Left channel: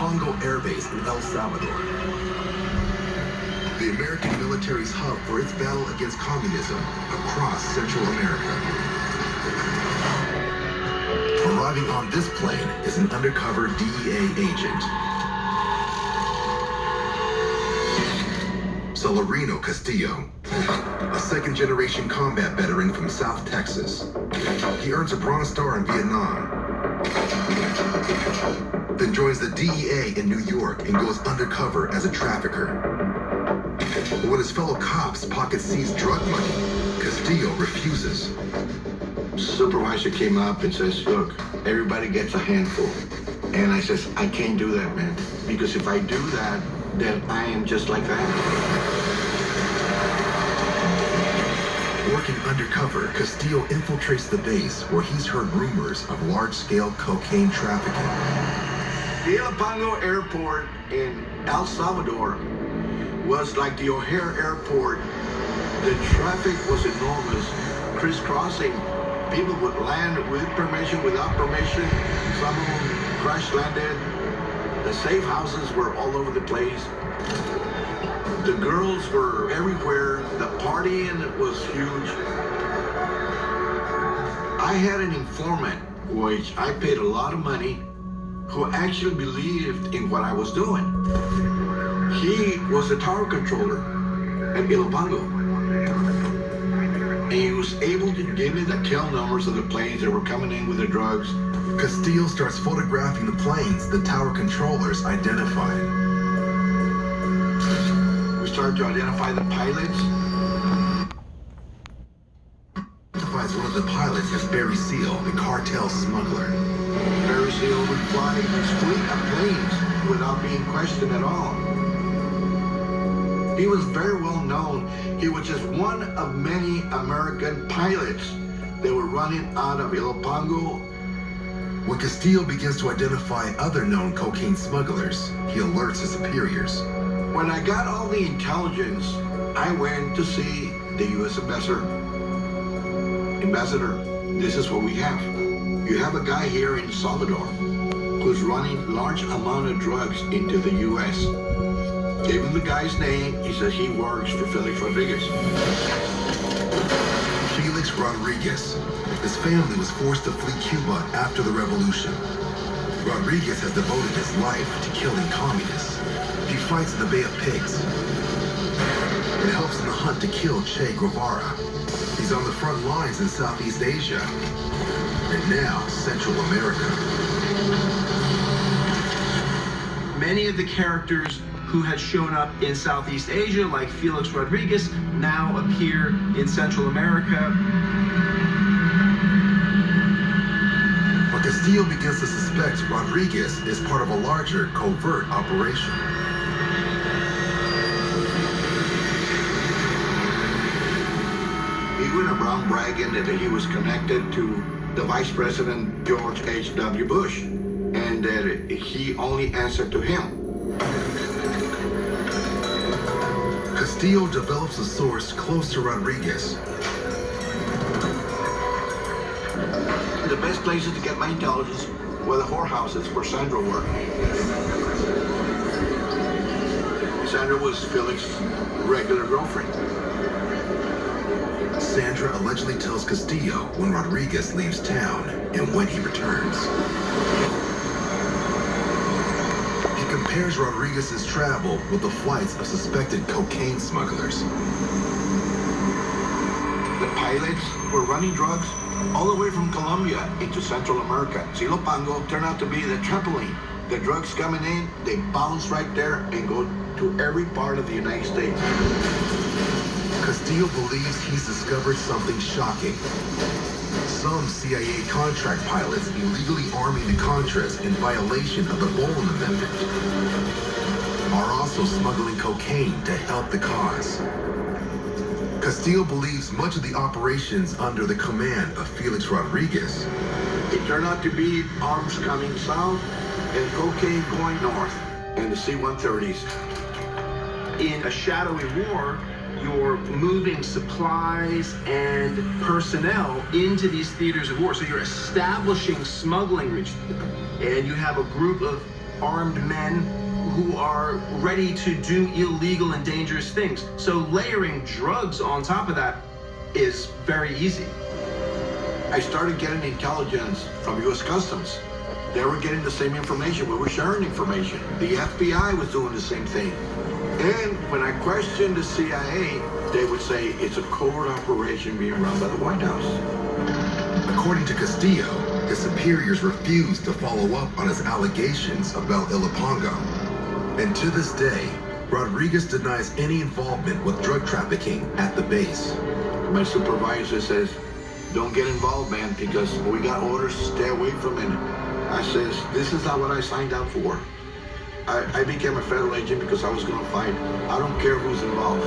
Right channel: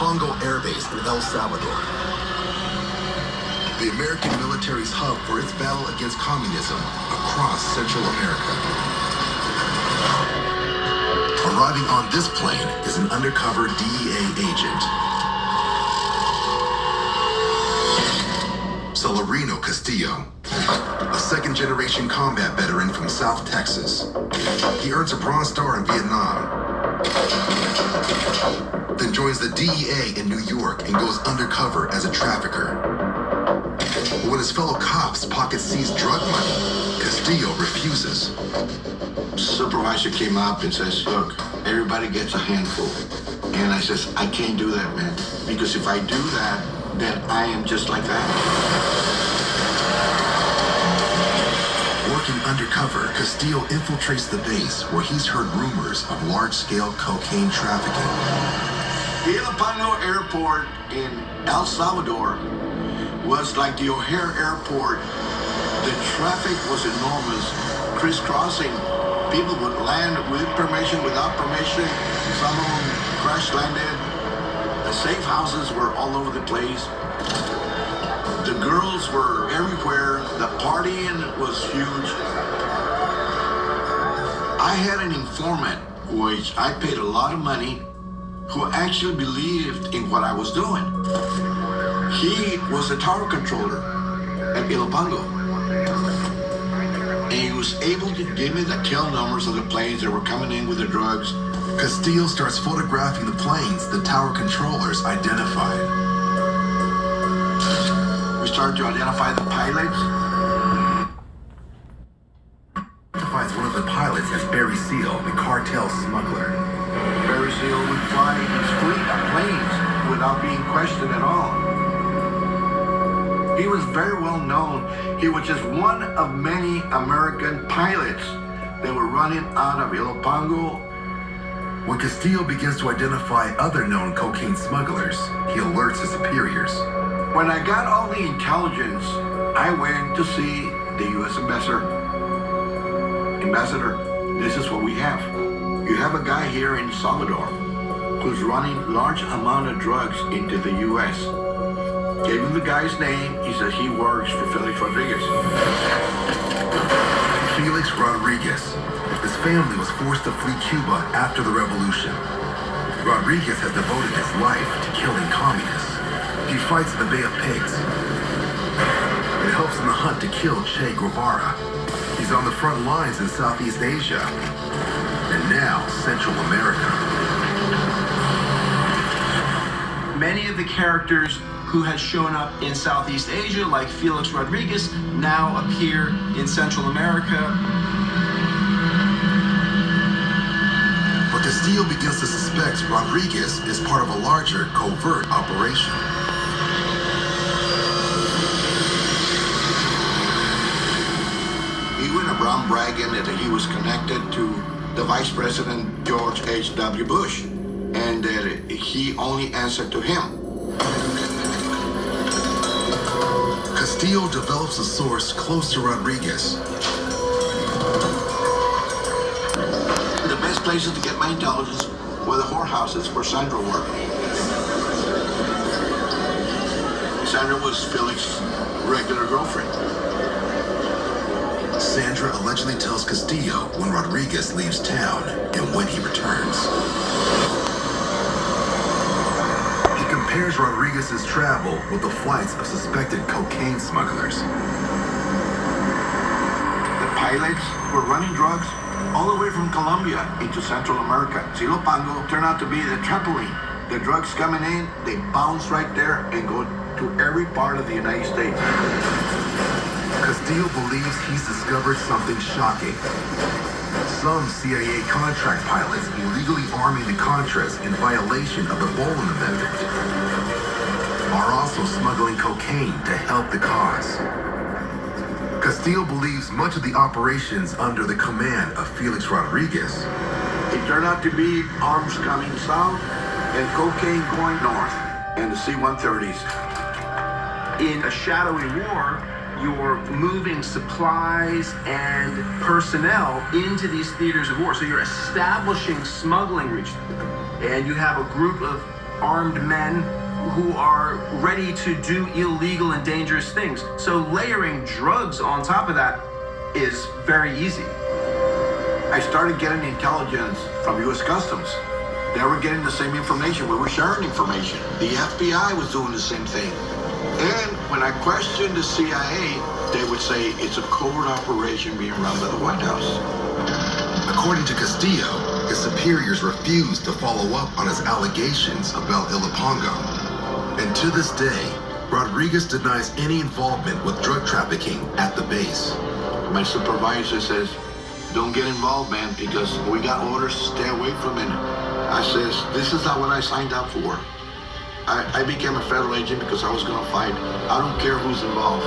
Illopango Air Base in El Salvador. The American military's hub for its battle against communism across Central America. Arriving on this plane is an undercover DEA agent, Celerino Castillo, a second-generation combat veteran from South Texas. He earns a Bronze Star in Vietnam, then joins the DEA in New York and goes undercover as a trafficker. But when his fellow cops pocket seize drug money, Castillo refuses. Supervisor came up and says, look, everybody gets a handful. And I says, I can't do that, man. Because if I do that, then I am just like that. Working undercover, Castillo infiltrates the base where he's heard rumors of large-scale cocaine trafficking. The Illopango airport in El Salvador was like the O'Hare airport. The traffic was enormous, crisscrossing. People would land with permission, without permission. Some of them crash landed. The safe houses were all over the place. The girls were everywhere. The partying was huge. I had an informant, which I paid a lot of money, who actually believed in what I was doing. He was the tower controller at Illopango. And he was able to give me the tail numbers of the planes that were coming in with the drugs. Castillo starts photographing the planes the tower controllers identified. We started to identify the pilots. Identifies one of the pilots as Barry Seal, the cartel smuggler. Barry Seal would fly his fleet of planes without being questioned at all. He was very well known. He was just one of many American pilots that were running out of Illopango. When Castillo begins to identify other known cocaine smugglers, he alerts his superiors. When I got all the intelligence, I went to see the U.S. ambassador. Ambassador, this is what we have. You have a guy here in Salvador who's running large amount of drugs into the U.S. Gave him the guy's name. He said he works for Felix Rodriguez. Felix Rodriguez. His family was forced to flee Cuba after the revolution. Rodriguez has devoted his life to killing communists. He fights in the Bay of Pigs. It helps in the hunt to kill Che Guevara. He's on the front lines in Southeast Asia and now Central America. Many of the characters who had shown up in Southeast Asia, like Felix Rodriguez, now appear in Central America. But Castillo begins to suspect Rodriguez is part of a larger covert operation. He went around bragging that he was connected to the Vice President George H.W. Bush and that he only answered to him. Castillo develops a source close to Rodriguez. The best places to get my intelligence were the whorehouses where Sandra worked. Sandra was Felix's regular girlfriend. Sandra allegedly tells Castillo when Rodriguez leaves town and when he returns. He compares Rodriguez's travel with the flights of suspected cocaine smugglers. The pilots were running drugs all the way from Colombia into Central America. Illopango turned out to be the trampoline. The drugs coming in, they bounce right there and go to every part of the United States. Castillo believes he's discovered something shocking. Some CIA contract pilots illegally arming the Contras in violation of the Bolin Amendment are also smuggling cocaine to help the cause. Castillo believes much of the operations under the command of Felix Rodriguez. It turned out to be arms coming south and cocaine going north and the C-130s. In a shadowy war, you're moving supplies and personnel into these theaters of war. So you're establishing smuggling regions. And you have a group of armed men who are ready to do illegal and dangerous things. So layering drugs on top of that is very easy. I started getting intelligence from U.S. Customs. They were getting the same information. We were sharing information. The FBI was doing the same thing. And when I questioned the CIA, they would say it's a covert operation being run by the White House. According to Castillo, his superiors refused to follow up on his allegations about Illopango. And to this day, Rodriguez denies any involvement with drug trafficking at the base. My supervisor says, don't get involved, man, because we got orders to stay away from it. I says, this is not what I signed up for. I became a federal agent because I was going to fight. I don't care who's involved.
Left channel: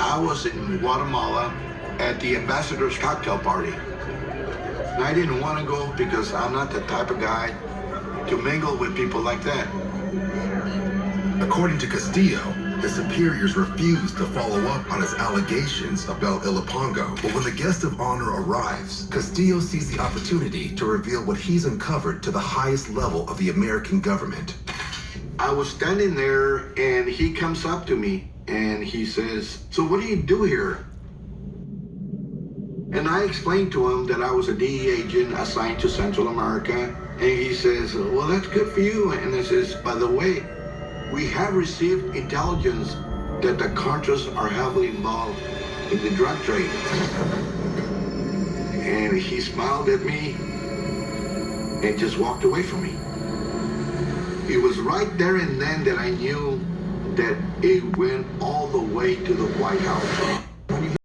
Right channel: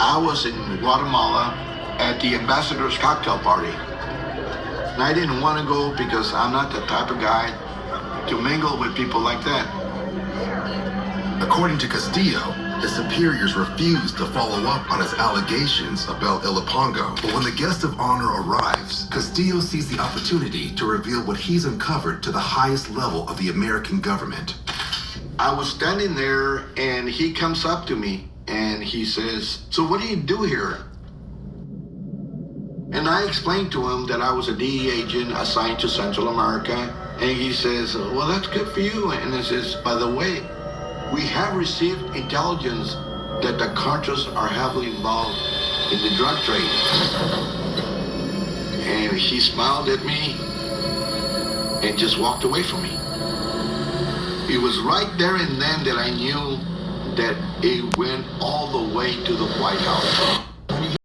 I was in Guatemala at the ambassador's cocktail party. And I didn't want to go because I'm not the type of guy to mingle with people like that. According to Castillo, his superiors refused to follow up on his allegations about Illopango. But when the guest of honor arrives, Castillo sees the opportunity to reveal what he's uncovered to the highest level of the American government. I was standing there and he comes up to me and he says, so what do you do here? And I explained to him that I was a DEA agent assigned to Central America. And he says, well, that's good for you. And he says, by the way, we have received intelligence that the Contras are heavily involved in the drug trade. And he smiled at me and just walked away from me. It was right there and then that I knew that it went all the way to the White House.